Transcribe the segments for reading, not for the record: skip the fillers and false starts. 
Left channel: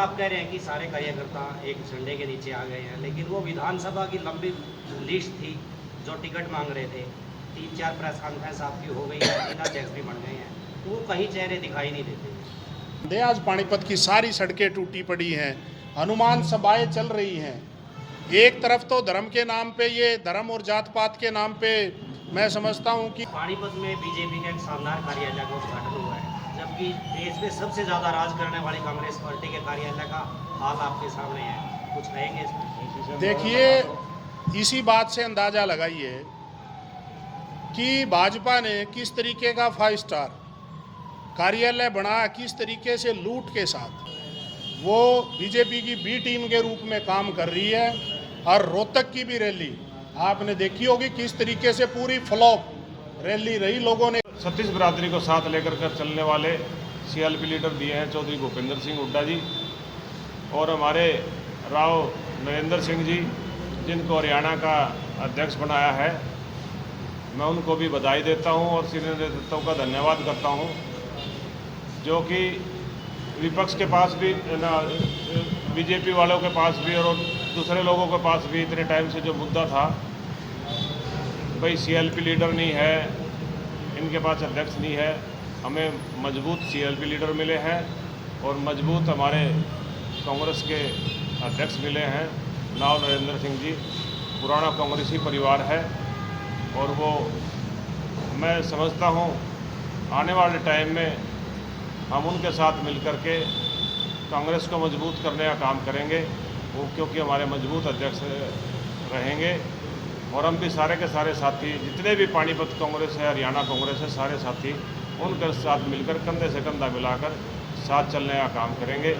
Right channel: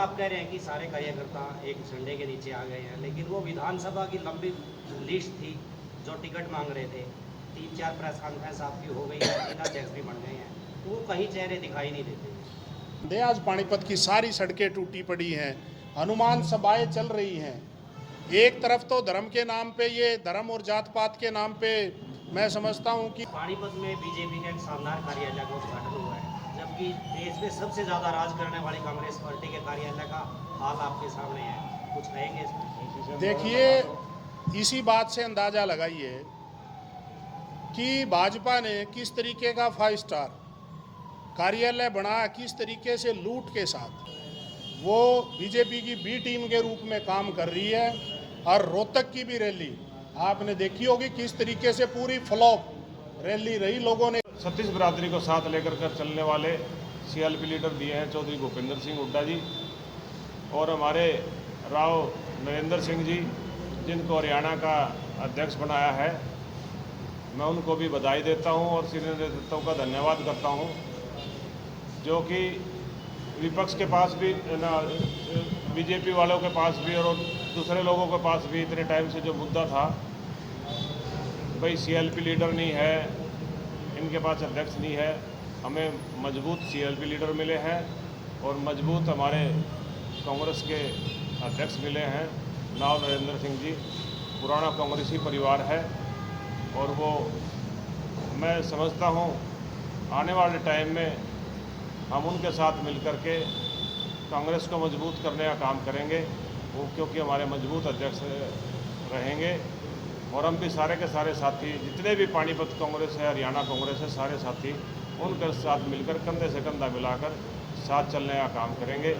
आप कह रहे हैं कि सारे कार्यकर्ता एक झंडे के नीचे आ गए हैं, लेकिन वो विधानसभा की लंबी लिस्ट थी जो टिकट मांग रहे थे, 3-4 प्रेस कॉन्फ्रेंस आपकी हो गई है, बिना चेक्स भी बन गए हैं, तो वो कहीं चेहरे दिखाई नहीं देते। आज पानीपत की सारी सड़कें टूटी पड़ी हैं, हनुमान सभाएं चल रही हैं। एक तरफ तो धर्म के नाम पे, ये धर्म और जात पात के नाम पे मैं समझता हूँ कि पानीपत में बीजेपी का एक शानदार कार्यालय का उद्घाटन हुआ है, जबकि देश में सबसे ज़्यादा राज करने वाली कांग्रेस पार्टी के कार्यालय का हाल आपके सामने है, कुछ कहेंगे इसमें? देखिए, इसी बात से अंदाज़ा लगाइए कि भाजपा ने किस तरीके का 5 स्टार कार्यालय बना, किस तरीके से लूट के साथ वो बीजेपी की बी टीम के रूप में काम कर रही है। और रोहतक की भी रैली आपने देखी होगी, किस तरीके से पूरी फ्लॉप रैली रही। लोगों ने छत्तीस बिरादरी को साथ लेकर कर चलने वाले सीएलपी लीडर दिए हैं चौधरी भूपेंद्र सिंह हुड्डा जी और हमारे राव नरेंद्र सिंह जी, जिनको हरियाणा का अध्यक्ष बनाया है। मैं उनको भी बधाई देता हूं और सीनियर नेतृत्व का धन्यवाद करता हूं, जो कि विपक्ष के पास भी, बीजेपी वालों के पास भी और दूसरे लोगों के पास भी इतने टाइम से जो मुद्दा था, भाई सीएलपी लीडर नहीं है, इनके पास अध्यक्ष नहीं है, हमें मजबूत सीएलपी लीडर मिले हैं और मजबूत हमारे कांग्रेस के अध्यक्ष मिले हैं। राव नरेंद्र सिंह जी पुराना कांग्रेसी परिवार है और वो, मैं समझता हूँ आने वाले टाइम में हम उनके साथ मिलकर के कांग्रेस को मजबूत करने का काम करेंगे, वो क्योंकि हमारे मजबूत अध्यक्ष रहेंगे। और हम भी सारे के सारे साथी, जितने भी पानीपत कांग्रेस है, हरियाणा कांग्रेस है, सारे साथी उनके साथ मिलकर कंधे से कंधा मिलाकर साथ चलने का काम करेंगे।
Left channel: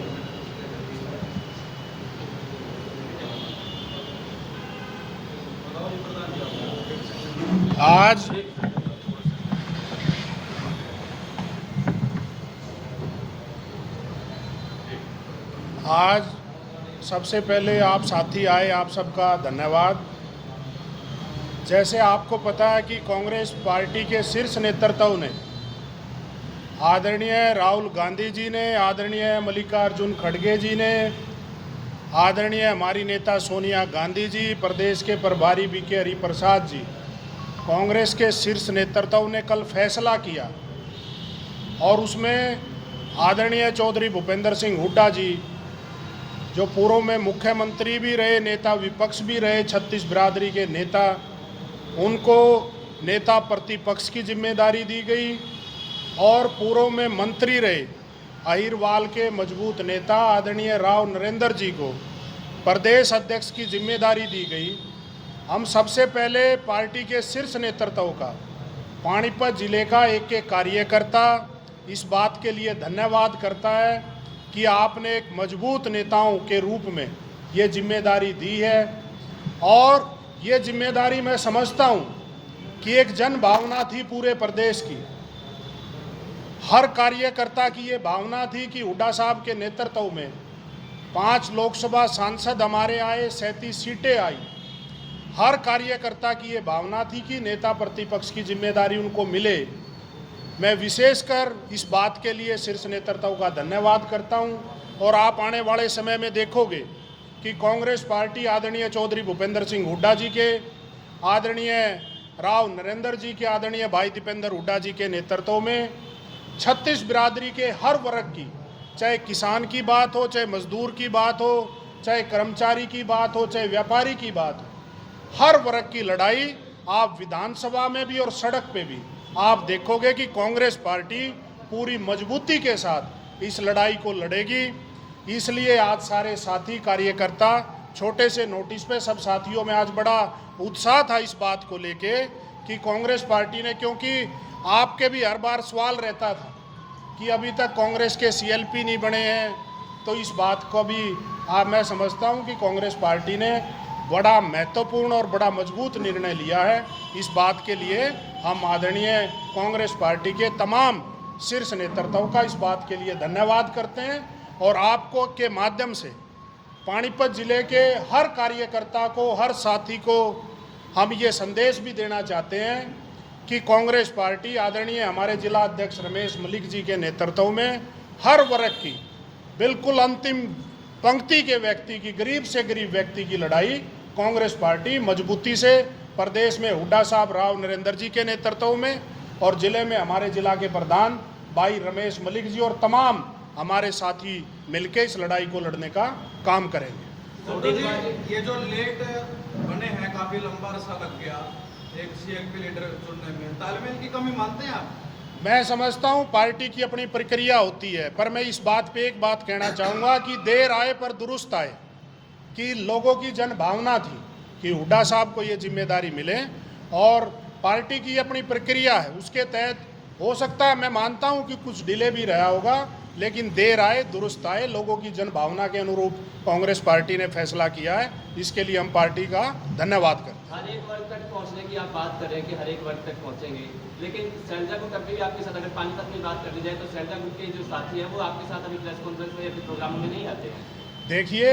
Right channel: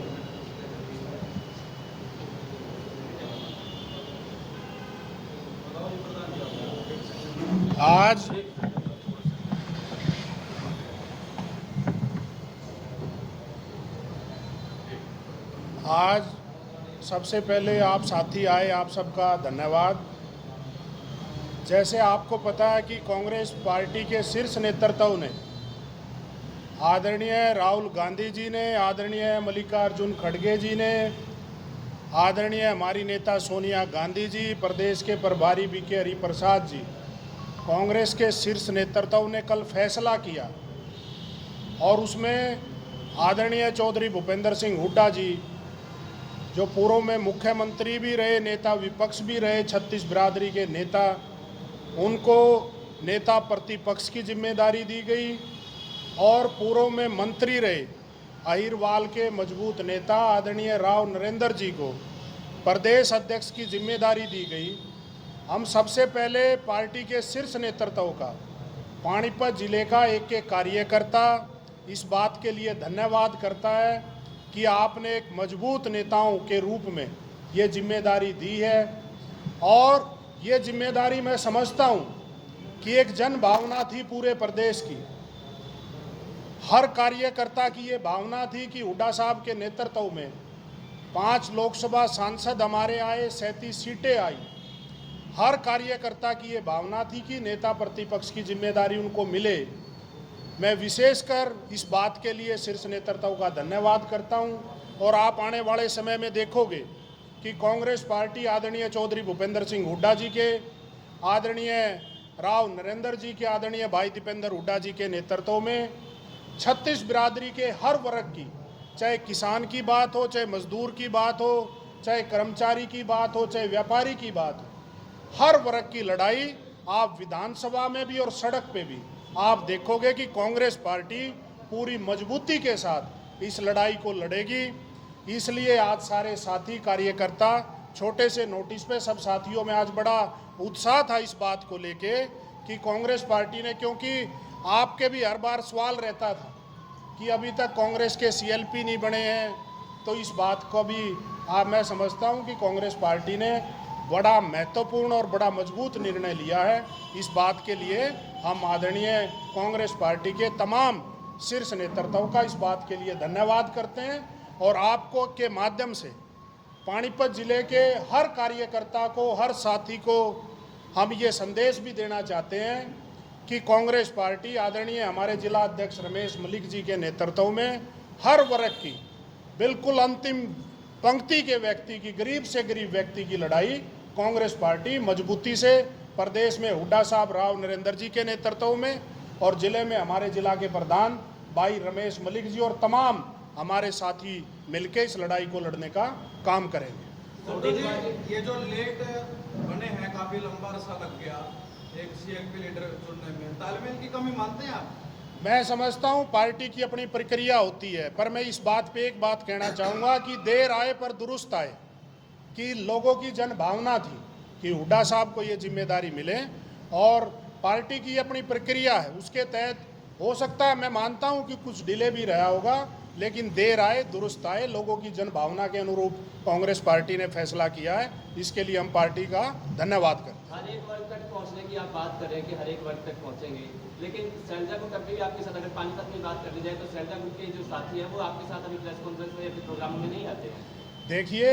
आज सबसे पहले आप साथी आए, आप सबका धन्यवाद। जैसे आपको पता है कि कांग्रेस पार्टी के शीर्ष नेतृत्व ने, आदरणीय राहुल गांधी जी ने, आदरणीय मल्लिकार्जुन खड़गे जी ने, आदरणीय हमारी नेता सोनिया गांधी जी, प्रदेश के प्रभारी बीके हरिप्रसाद जी, कांग्रेस के शीर्ष नेतृत्व ने कल फैसला किया और उसमें आदरणीय चौधरी भूपेंद्र सिंह हुड्डा जी, जो पूर्व में मुख्यमंत्री भी रहे, नेता विपक्ष भी रहे, छत्तीस बिरादरी के नेता, उनको नेता प्रतिपक्ष की जिम्मेदारी दी गई और पूर्व में मंत्री रहे अहिरवाल के मजबूत नेता आदरणीय राव नरेंद्र जी को प्रदेश अध्यक्ष की जिम्मेदारी दी गई। हम सबसे पहले पार्टी के शीर्ष नेतृत्व का, पानीपत जिले का एक एक कार्यकर्ता इस बात के लिए धन्यवाद करता है कि आपने एक मजबूत नेताओं के रूप में ये जिम्मेदारी दी है। और ये जिम्मेदारी मैं समझता हूँ कि एक जन भावना थी पूरे प्रदेश की, हर कार्यकर्ता की ये भावना थी कि हुड्डा साहब के नेतृत्व में 5 लोकसभा सांसद हमारे आए, 37 सीटें आई। हर कार्यकर्ता की ये भावना थी कि नेता प्रतिपक्ष की जिम्मेदारी उनको मिले। मैं विशेषकर इस बात के लिए शीर्ष नेतृत्व का धन्यवाद करता हूं और आप आने वाले समय में देखोगे कि कांग्रेस पार्टी आदरणीय चौधरी भूपेंद्र सिंह हुड्डा जी के, आदरणीय राव नरेंद्र जी के, आदरणीय भाई दीपेंद्र हुड्डा जी के नेतृत्व में छत्तीस बिरादरी के हर वर्ग की, चाहे किसान की बात हो, चाहे मजदूर की बात हो, चाहे कर्मचारी की बात हो, चाहे व्यापारी की बात हो, हर वर्ग की लड़ाई आप विधानसभा में भी और सड़क पे भी आप देखोगे कि कांग्रेस पार्टी पूरी मजबूती के साथ इस लड़ाई को लड़ेगी। इसलिए आज सारे साथी कार्यकर्ता, छोटे से नोटिस पे सब साथियों में आज बड़ा उत्साह था इस बात को लेके कि कांग्रेस पार्टी ने, क्योंकि आपके भी हर बार सवाल रहता था कि अभी तक कांग्रेस के सीएलपी नहीं बने हैं, तो इस बात को भी मैं समझता हूं कि कांग्रेस पार्टी ने बड़ा महत्वपूर्ण और बड़ा मजबूत निर्णय लिया है। इस बात के लिए हम आदरणीय कांग्रेस पार्टी के तमाम शीर्ष नेतृत्व का इस बात के लिए धन्यवाद करते हैं और आपको के माध्यम से पानीपत जिले के हर कार्यकर्ता को, हर साथी को हम ये संदेश भी देना चाहते हैं कि कांग्रेस पार्टी आदरणीय हमारे जिला अध्यक्ष रमेश मलिक जी के नेतृत्व में हर वर्ग की बिल्कुल अंतिम पंक्ति के व्यक्ति की, गरीब से गरीब व्यक्ति की लड़ाई कांग्रेस पार्टी मजबूती से प्रदेश में हुड्डा साहब राव नरेंद्र जी के नेतृत्व में और जिले में हमारे जिला के प्रधान भाई रमेश मलिक जी और तमाम हमारे साथी मिलकर इस लड़ाई को लड़ने का काम करेंगे। तो जी ये जो लेट बने हैं, काफी लंबा अरसा लग गया एक CLP लीडर चुनने में, तालमेल की कमी मानते हैं आप? मैं समझता हूं पार्टी की अपनी प्रक्रिया होती है, पर मैं इस बात पे एक बात कहना चाहूँगा कि देर आए पर दुरुस्त आए, कि लोगों की जन भावना थी कि हुड्डा साहब को ये जिम्मेदारी मिले और पार्टी की अपनी प्रक्रिया है, उसके तहत हो सकता है, मैं मानता हूं कि कुछ डिले भी रहा होगा, लेकिन देर आए दुरुस्त आए, लोगों की जन भावना के अनुरूप कांग्रेस पार्टी ने फैसला किया है, इसके लिए हम पार्टी का धन्यवाद करते हैं। हर एक वर्ग तक पहुंचने की आप बात कर रहे हैं कि हर एक वर्ग तक पहुंचेंगे, लेकिन सैलजा ग्रुप अभी भी आपके साथ, अगर पानीपत की बात कर ली जाए तो सैलजा ग्रुप के जो साथी हैं वो आपके साथ अभी प्रेस कॉन्फ्रेंस में या फिर प्रोग्राम में नहीं आते हैं? देखिए,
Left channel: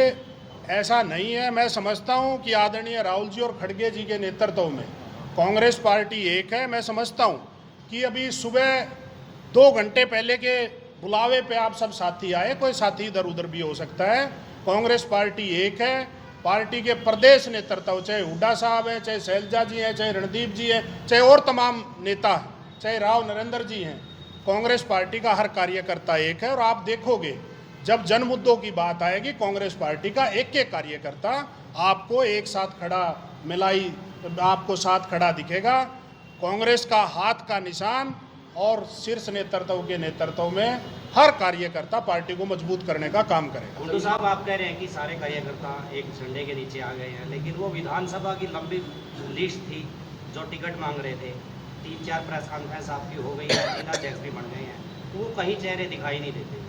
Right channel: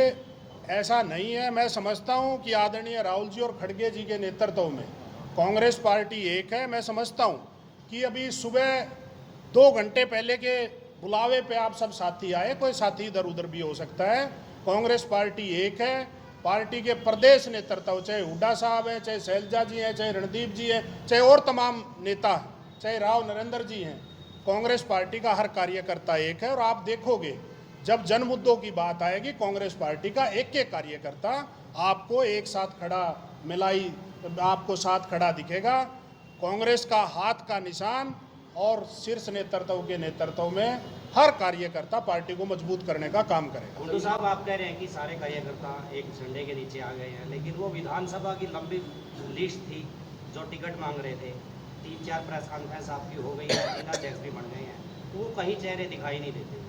ऐसा नहीं है। मैं समझता हूं कि आदरणीय राहुल जी और खड़गे जी के नेतृत्व में कांग्रेस पार्टी एक है। मैं समझता हूं कि अभी सुबह 2 घंटे पहले के बुलावे पे आप सब साथी आए, कोई साथी इधर उधर भी हो सकता है। कांग्रेस पार्टी एक है। पार्टी के प्रदेश नेतृत्व, चाहे हुड्डा साहब हैं, चाहे शैलजा जी हैं, चाहे रणदीप जी हैं, चाहे और तमाम नेता हैं, चाहे राव नरेंद्र जी हैं, कांग्रेस पार्टी का हर कार्यकर्ता एक है। और आप देखोगे जब जन मुद्दों की बात आएगी, कांग्रेस पार्टी का एक एक कार्यकर्ता आपको एक साथ खड़ा मिलाई, आपको साथ खड़ा दिखेगा। कांग्रेस का हाथ का निशान और शीर्ष नेतृत्व के नेतृत्व में हर कार्यकर्ता पार्टी को मजबूत करने का काम करेगा। हुड्डा साहब, आप कह रहे हैं कि सारे कार्यकर्ता एक झंडे के नीचे आ गए हैं, लेकिन वो विधानसभा की लंबी लिस्ट थी जो टिकट मांग रहे थे, 3-4 प्रेस कॉन्फ्रेंस आपकी हो गई है, 3 अध्यक्ष भी बन गए हैं, तो वो कहीं चेहरे दिखाई नहीं देते।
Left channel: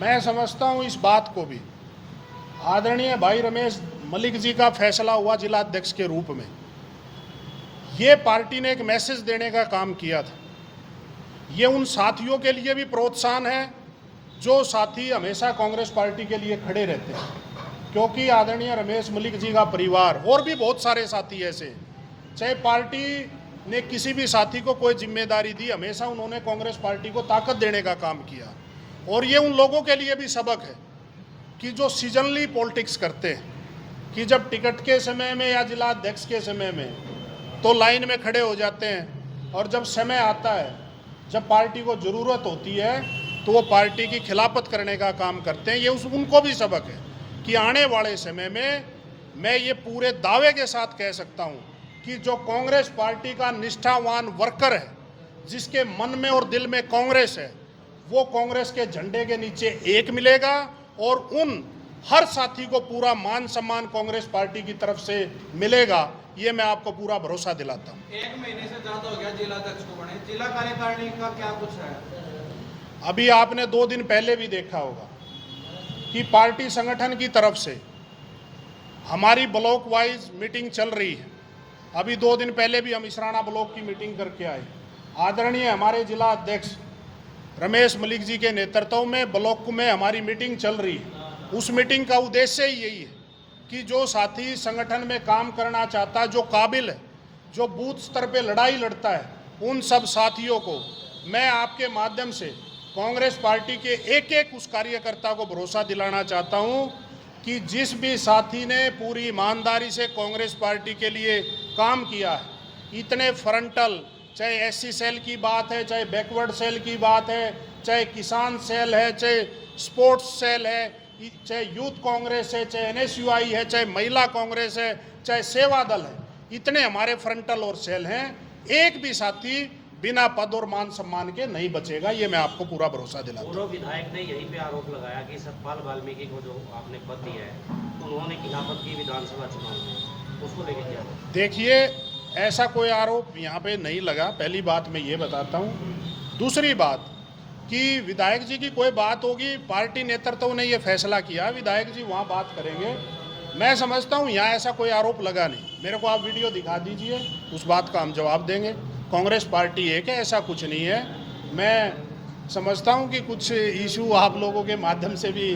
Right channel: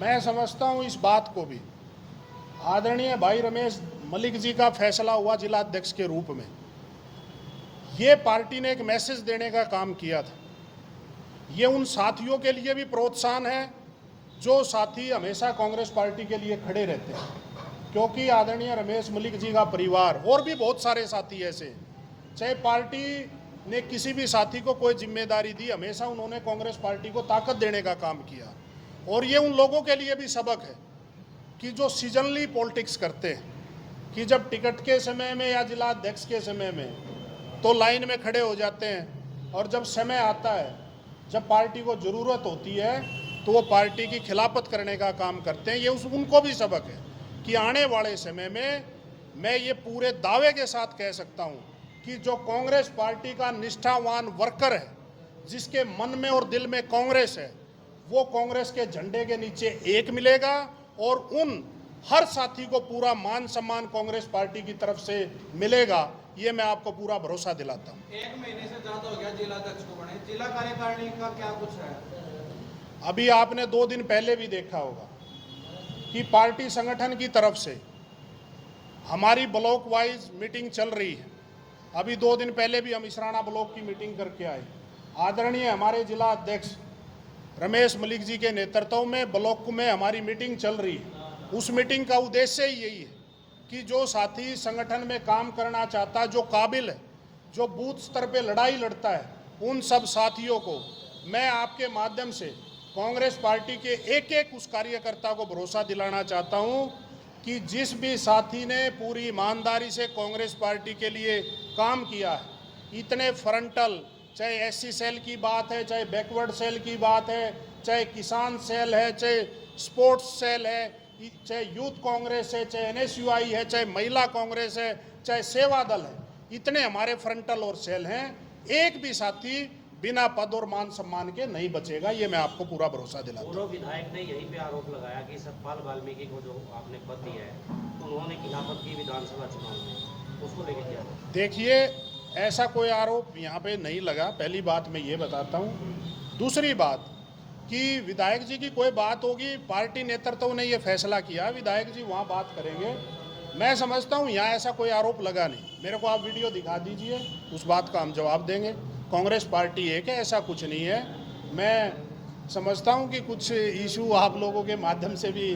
मैं समझता हूँ इस बात को भी आदरणीय भाई रमेश मलिक जी का फैसला हुआ जिला अध्यक्ष के रूप में, ये पार्टी ने एक मैसेज देने का काम किया था। ये उन साथियों के लिए भी प्रोत्साहन है जो साथी हमेशा कांग्रेस पार्टी के लिए खड़े रहते हैं, क्योंकि आदरणीय रमेश मलिक जी का परिवार और भी बहुत सारे साथी ऐसे, चाहे पार्टी ने किसी भी साथी को कोई जिम्मेदारी दी, हमेशा उन्होंने कांग्रेस पार्टी को ताकत देने का काम किया। और ये उन लोगों के लिए भी सबक है कि जो सीजनली पॉलिटिक्स करते हैं, कि जब टिकट के समय में या जिला अध्यक्ष के समय में तो लाइन में खड़े हो जाते हैं, और जब समय आता है, जब पार्टी को ज़रूरत होती है, तो वो पार्टी की खिलाफत करने का काम करते हैं। ये उनको भी सबक है कि आने वाले समय में मैं ये पूरे दावे के साथ कह सकता हूँ कि जो कांग्रेस पार्टी का निष्ठावान वर्कर है, जिसके मन में और दिल में कांग्रेस है, वो कांग्रेस के झंडे के नीचे एक मिलेगा और उन हर साथी को पूरा मान सम्मान कांग्रेस पार्टी की तरफ से मिलेगा। ये मैं आपको पूरा भरोसा दिलाता हूँ। 1 महीने से ज्यादा हो गया जिला अध्यक्ष को बने, जिला कार्यकारिणी का क्या कुछ है? अभी आपने 2 दिन पहले भी देखा होगा कि पार्टी संगठन की तरफ से हमारी ब्लॉक वाइज मीटिंग चल रही है। अभी 2 दिन पहले भी हम इसराना ब्लॉक की मीटिंग करके आए। आदरणीय हमारे जिला अध्यक्ष रमेश मलिक जी के नेतृत्व में ब्लॉक में हमारी मीटिंग चल रही है। उस मीटिंग का उद्देश्य ही यही है कि जो साथी संगठन में काम करना चाहता है, जो काबिल है, जो बूथ स्तर पे लड़ाई लड़ता है, उन सब साथियों को मैं आपके माध्यम से कांग्रेस पार्टी के एक एक उस कार्यकर्ता को भरोसा दिलाना चाहता हूं कि जिस भी साथी ने पूरी ईमानदारी से कांग्रेस पार्टी के लिए काम किया है, इतने फ्रंटल, चाहे एससी सेल की बात है, चाहे बैकवर्ड सेल की बात है, चाहे किसान सेल है, चाहे स्पोर्ट्स सेल है, चाहे यूथ कांग्रेस है, चाहे NSUI है, चाहे महिला कांग्रेस है, चाहे सेवा दल है, इतने हमारे फ्रंटल और सेल हैं। एक भी साथी बिना पद और मान सम्मान के नहीं बचेगा, ये मैं आपको पूरा भरोसा दिलाता हूं। पूर्व विधायक ने यहीं पे आरोप लगाया कि सतपाल वाल्मीकि को जो आपने पद दिया है, तो उन्होंने खिलाफत की विधानसभा चुनाव में, उसको लेकर क्या? देखिए, ऐसा कोई आरोप यहाँ पे नहीं लगा, पहली बात मैं ये बताता हूँ। दूसरी बात कि विधायक जी की कोई बात होगी, पार्टी नेतृत्व ने ये फैसला किया, विधायक जी वहाँ बात करेंगे। मैं समझता हूँ यहाँ ऐसा कोई आरोप लगा नहीं। मेरे को आप वीडियो दिखा दीजिए, उस बात का हम जवाब देंगे। कांग्रेस पार्टी एक है, ऐसा कुछ नहीं है। मैं समझता हूँ कि कुछ इशू आप लोगों के माध्यम से भी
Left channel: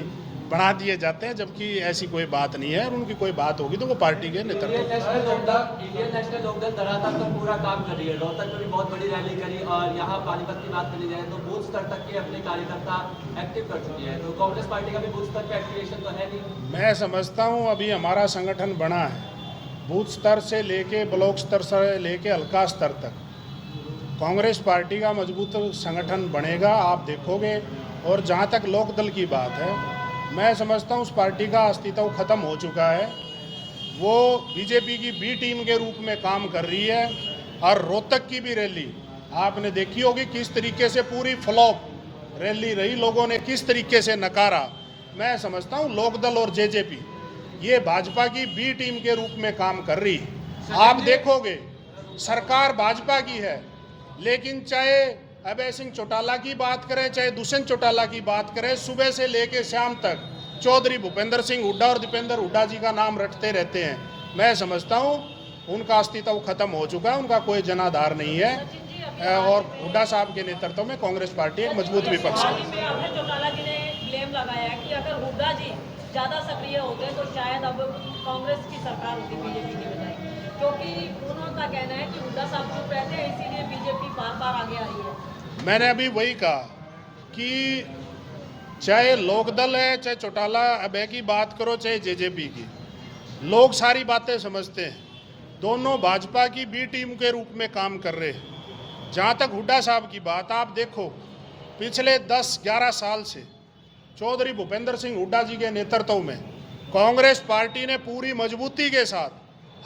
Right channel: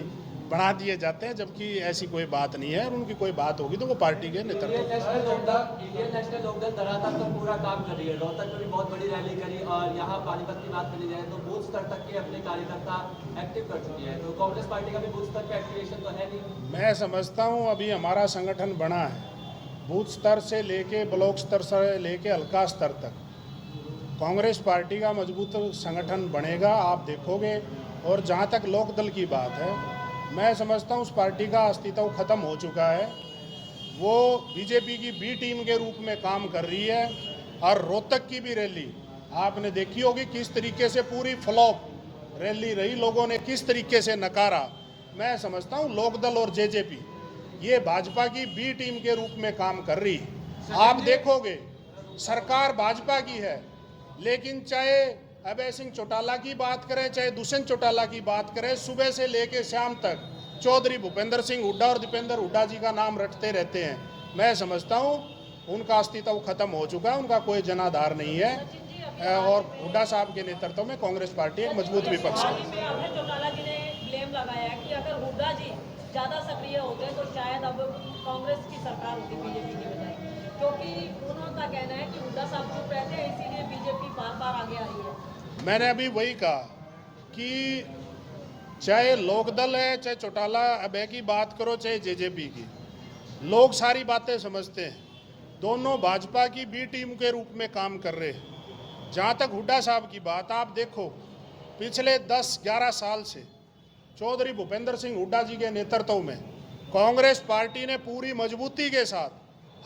बना दिए जाते हैं, जबकि ऐसी कोई बात नहीं है। और उनकी कोई बात होगी तो वो पार्टी के नेतृत्व इंडियन नेशनल लोकदल धरातल तो पूरा काम कर रही है, रोहतक में भी बहुत बड़ी रैली करी, और यहाँ पानीपत की बात करी जाए तो बूथ स्तर तक के अपने कार्यकर्ता एक्टिव कर चुकी है। तो कांग्रेस पार्टी का भी बूथ स्तर पर एक्टिवेशन तो है नहीं। मैं समझता हूँ अभी हमारा संगठन बना है, बूथ स्तर से लेके ब्लॉक स्तर से लेके हल्का स्तर तक कांग्रेस पार्टी का मजबूत संगठन बनेगा, आप देखोगे। और जहाँ तक लोकदल की बात है, मैं समझता हूँ उस पार्टी का अस्तित्व खत्म हो चुका है। वो बीजेपी की बी टीम के रूप में काम कर रही है। और रोहतक की भी रैली आपने देखी होगी, किस तरीके से पूरी फ्लॉप रैली रही, लोगों ने किस तरीके से नकारा। मैं समझता हूँ लोकदल और जेजेपी ये भाजपा की बी टीम के रूप में काम कर रही है। आप देखोगे सरकार भाजपा की है, लेकिन चाहे अभय सिंह चौटाला की बात करें, चाहे दुष्यंत चौटाला की बात करें, सुबह से लेकर शाम तक चौधरी भूपेंद्र सिंह हुड्डा और दीपेंद्र हुड्डा जी का नाम रटते रहते हैं। मैं समझता हूँ उनका अस्तित्व खत्म हो चुका है, उनका कोई जनाधार नहीं है। और हुड्डा साहब के नेतृत्व में कांग्रेस पार्टी एक मजबूत विपक्ष है। अभय चौटाला जी ने क्लेम लगाया कि अगर हुड्डा जी ज़्यादा सक्रिय होते तो शायद अब कांग्रेस की सरकार होती बीजेपी की बजाय, क्योंकि उनका कहना है कि हुड्डा साहब चुप रहते हैं, इसीलिए बीजेपी बार बार आगे आ रही है। मैंने अभी वही कहा कि चाहे लोकदल है, चाहे चौटाला अभय की बात करो, चाहे जेजेपी की, लोग सारी बातें समझते हैं। दोनों भाजपा की बी टीम के रूप में काम कर रहे हैं। जहाँ तक हुड्डा साहब की बात, आप देखो पिछले 10-11 साल से चौधरी भूपेंद्र सिंह हुड्डा जी के नेतृत्व में कांग्रेस पार्टी ने पूरी मजबूती के साथ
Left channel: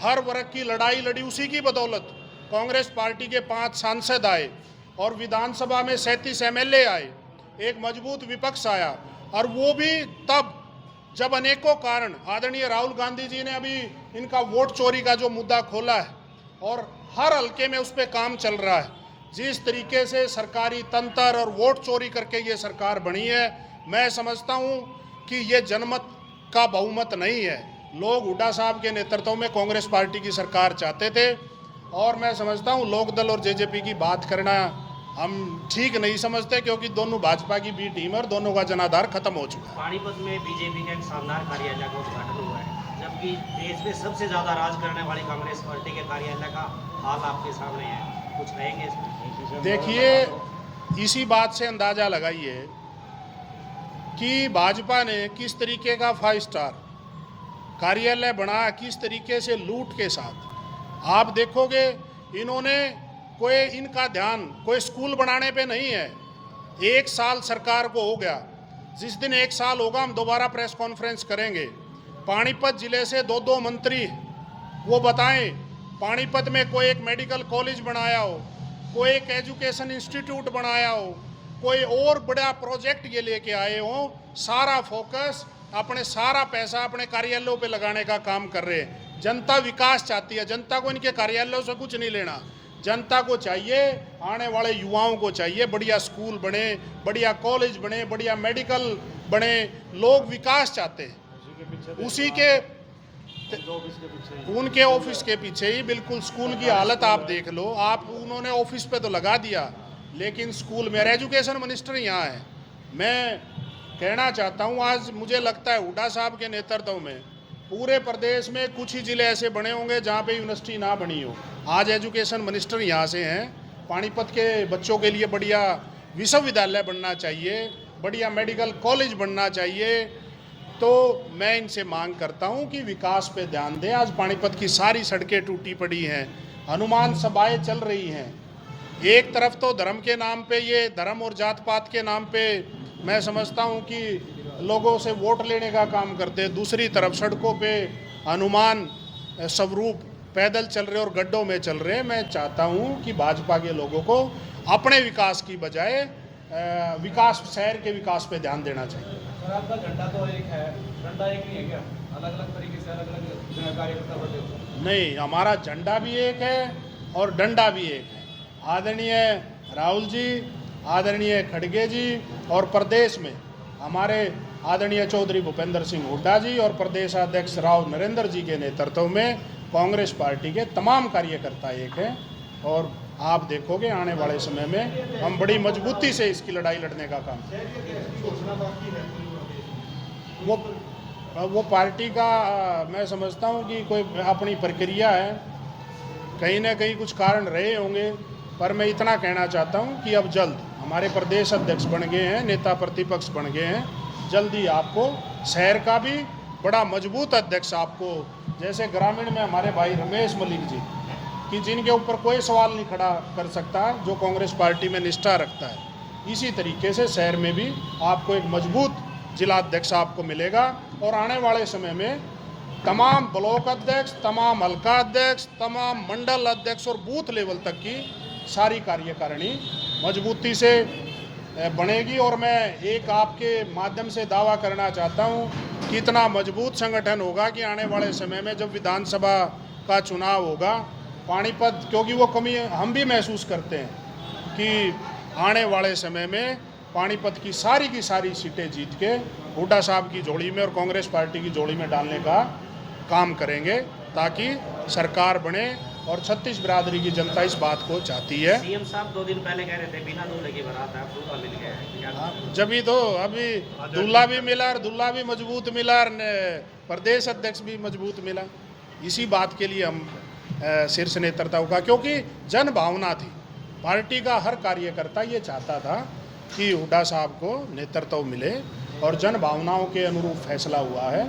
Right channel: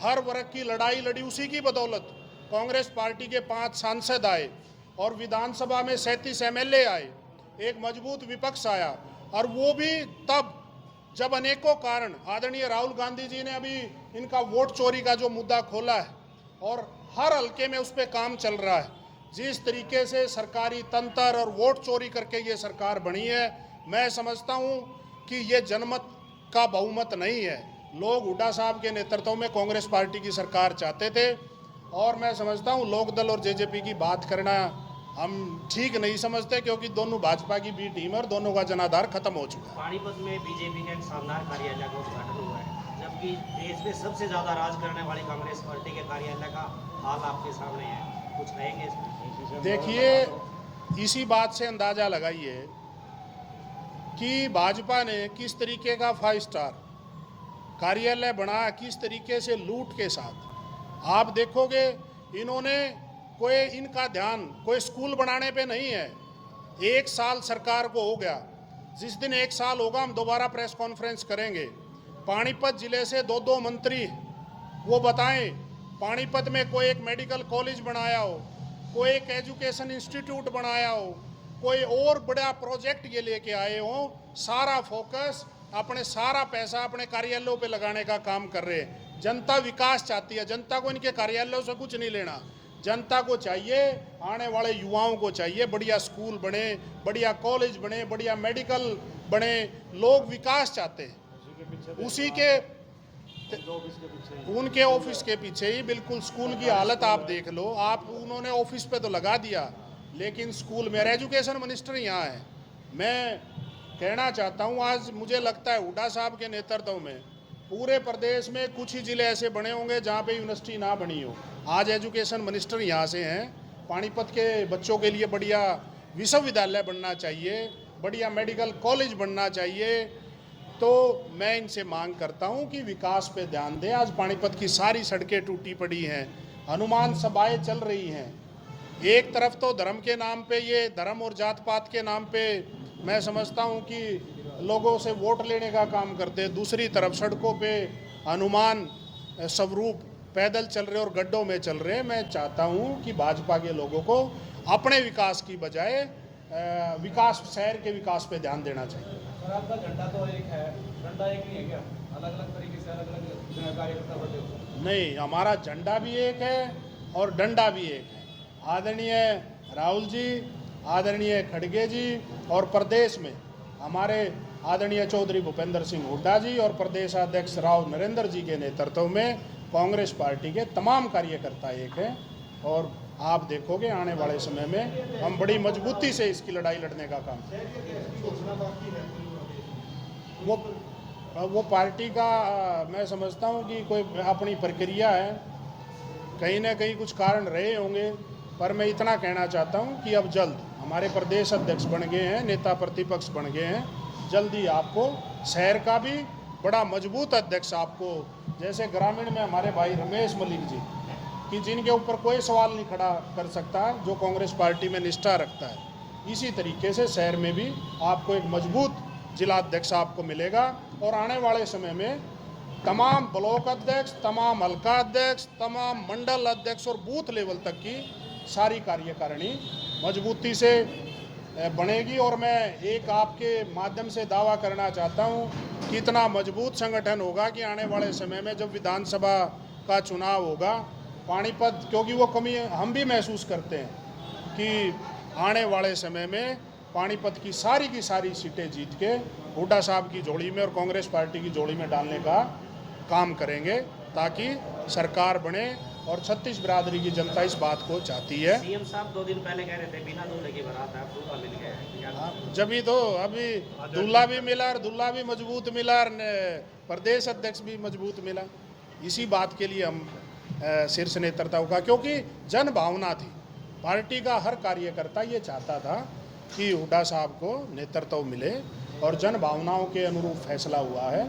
हर वर्ग की लड़ाई लड़ी। उसी की बदौलत कांग्रेस पार्टी के 5 सांसद आए और विधानसभा में 37 एमएलए आए, एक मजबूत विपक्ष आया। और वो भी तब जब अनेकों कारण, आदरणीय राहुल गांधी जी ने अभी इनका वोट चोरी का जो मुद्दा खोला है और हर हल्के में उस पर काम चल रहा है। जिस तरीके से सरकारी तंत्र और वोट चोरी करके ये सरकार बनी है, मैं समझता हूँ कि ये जनमत का बहुमत नहीं है। लोग हुड्डा साहब के नेतृत्व में कांग्रेस पार्टी की सरकार चाहते थे। और मैं समझता हूँ लोकदल और जेजेपी की बात करना हम ठीक नहीं समझते, क्योंकि दोनों भाजपा की बी टीम है और दोनों का जनाधार खत्म हो चुका है। पानीपत में बीजेपी का एक शानदार कार्यालय का उद्घाटन हुआ है, जबकि देश में सबसे ज़्यादा राज करने वाली कांग्रेस पार्टी के कार्यालय का हाल आपके सामने है, कुछ कहेंगे इसमें? देखिए, इसी बात से अंदाज़ा लगाइए कि भाजपा ने किस तरीके का 5 स्टार कार्यालय बनाया, किस तरीके से लूट के साथ। आप देखोगे इन्होंने इनका ध्यान कोई स्कूल बनाने पे नहीं है। 1 साल सरकार को हो गया, जिस दिन 1 साल होगा हम दोबारा प्रेस कॉन्फ्रेंस करेंगे। पानीपत जिले से 2 मंत्री वो बताएं, पानीपत में कोई एक मेडिकल कॉलेज बनाया हो, कोई एक एजुकेशन इंस्टीट्यूट बनाया हो, कोई और बड़ा प्रोजेक्ट ये लेके आए हो। सारा फोकस, अपने सारा पैसा अपने कार्यालयों पे लगाने का काम कर रहे हैं। जनता विकास चाहती है, जनता को इनके कार्यालयों से कुछ नहीं लेना। जनता को चाहिए, आने वाले युवाओं को चाहिए बढ़िया स्कूल बने, बढ़िया कॉलेज बने, बढ़िया मेडिकल बने। लोग विकास चाहते हैं, उसी के उनके ऑफिस के पीछे ही बिल्कुल स्कूल की हालत आप देख लो। आप उन्होंने ऑफिस पे तो लगा दिया, लेकिन स्कूल में एजुकेशन मिनिस्टर यहाँ है। मैं कहना चाहता हूँ, आज मुझे लगता है हुड्डा साहब के नेतृत्व में पूरे प्रदेश में कुछ ही ज़िले ऐसे बने होंगे जहाँ पे यूनिवर्सिटी ना बनी हो। आज एजुकेशन मिनिस्टर यहाँ से हैं। पानीपत के बच्चों के लिए बढ़िया विश्वविद्यालय बनना चाहिए, बढ़िया मेडिकल कॉलेज बनना चाहिए। तो मैं इनसे मांग करता हूँ कि विकास पे ध्यान दें। आज पानीपत की सारी सड़कें टूटी पड़ी हैं, हनुमान सभाएँ चल रही हैं। एक तरफ तो धर्म के नाम पे, ये धर्म और जात पात के नाम पे मैं समझता हूँ कि लोगों से वोट लेने का काम करते हैं, दूसरी तरफ सड़कों पे हनुमान स्वरूप पैदल चल रहे और गड्ढों में चल रहे हैं। मैं चाहता हूँ कि भाजपा के लोगों को अपने विकास की बजाय विकास, शहर के विकास पे ध्यान देना चाहिए। सर, आपका झंडा तो एक है, डंडा एक नहीं है क्या? अलग अलग तरीके से अलग अलग कार्यकर्ता बटे हो? नहीं, हमारा झंडा भी एक है और डंडा भी एक है। आदरणीय राहुल जी, आदरणीय खड़गे जी और प्रदेश में हमारे आदरणीय चौधरी भूपेंद्र सिंह हुड्डा जी और प्रदेशाध्यक्ष राव नरेंद्र जी के नेतृत्व में कांग्रेस पार्टी के तमाम कार्यकर्ता एक हैं। और आप देखोगे आने वाले समय में हम बड़ी मजबूती से इसकी लड़ाई लड़ने का काम करेंगे। वो पार्टी का मैं समझता हूँ कि कोई अपनी प्रक्रिया है, कहीं ना कहीं कुछ कारण रहे होंगे, पर मैं इतना कहना चाहता हूँ कि अब जल्द हमारे प्रदेश अध्यक्ष बन गए हैं, नेता प्रतिपक्ष बन गए हैं, जल्दी आपको शहर का भी बड़ा मजबूत अध्यक्ष आपको, जैसे ग्रामीण में हमारे भाई रमेश मलिक जी कि जिनके ऊपर कोई सवाल नहीं खड़ा कर सकता, जो कांग्रेस पार्टी में निष्ठा रखता है, इसी तरीके से शहर में भी आपको एक मजबूत जिला अध्यक्ष आपको मिलेगा। और आने वाले समय में तमाम ब्लॉक अध्यक्ष, तमाम हल्का अध्यक्ष, तमाम मंडल अध्यक्ष और बूथ लेवल तक की सारी कार्यकारिणी मजबूती से बनेगी। और मैं एक आपके माध्यम से दावा करना चाहता हूं कि इतना मजबूत संगठन होगा कि आने वाले समय में जब विधानसभा का चुनाव होगा, पानीपत, क्योंकि वो कमी हम भी महसूस करते हैं कि आने वाले समय में पानीपत की सारी सीटें जीत के हुड्डा साहब की झोली में और कांग्रेस पार्टी की झोली में डालने का काम करेंगे, ताकि सरकार बने। और छत्तीस बिरादरी की जनता इस बात को चाहती है। सीएम साहब 2 दिन पहले कह रहे थे बिना दूल्हे की बारात है, अब दूल्हा मिल गया है, क्या जब ही तो अभी दूल्हा भी मिला और दूल्हा भी मजबूत मिला और प्रदेश अध्यक्ष भी मजबूत मिला। इसी बात के लिए हम शीर्ष नेतृत्व का, क्योंकि जन भावना थी, पार्टी का हर कार्यकर्ता ये चाहता था कि हुड्डा साहब को नेतृत्व मिले और जन भावनाओं के अनुरूप फैसला हुआ है।